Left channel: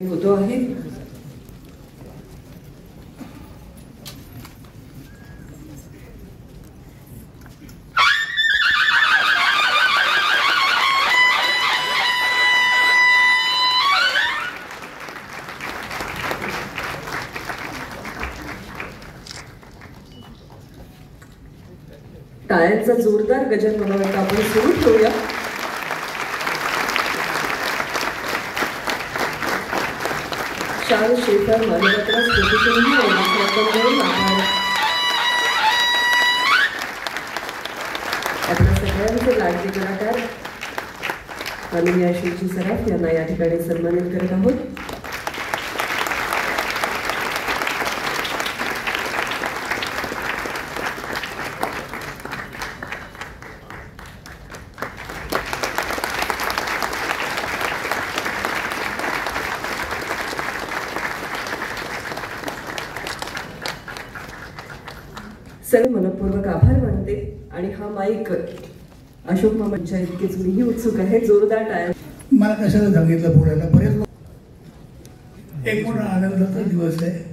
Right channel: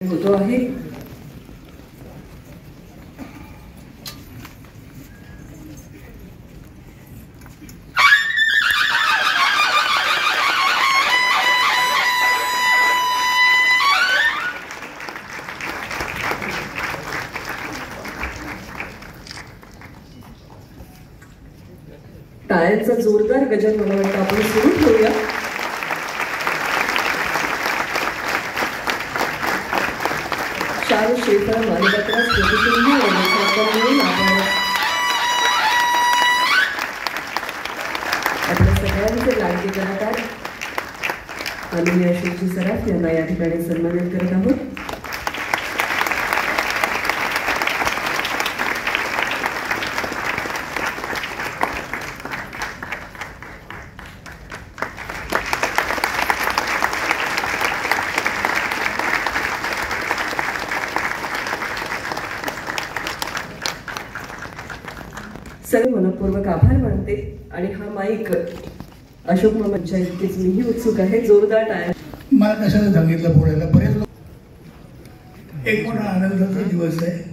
होतो आहे. टाळ्यांचा जोरदार गजर मला वाटतं आपण सुरू ठेवूया. शाल शेफर मानवत्रा स्टेशनही आपल्या सगळ्यांचे लाडके कलाकार आम्ही आशिषजी सराफ यांना या ठिकाणी सन्मानित करत आहोत. सर्व मनपूर्वक आभार मानते आणि हा माईक अशोक मामांच्या इतकेच मीही उत्सुक आहे. जोरदार टाळ्या. मला कशाला सांगितलं बोलायला. बरेच लोक एक मोठा आनंदाचा दिवस आहे.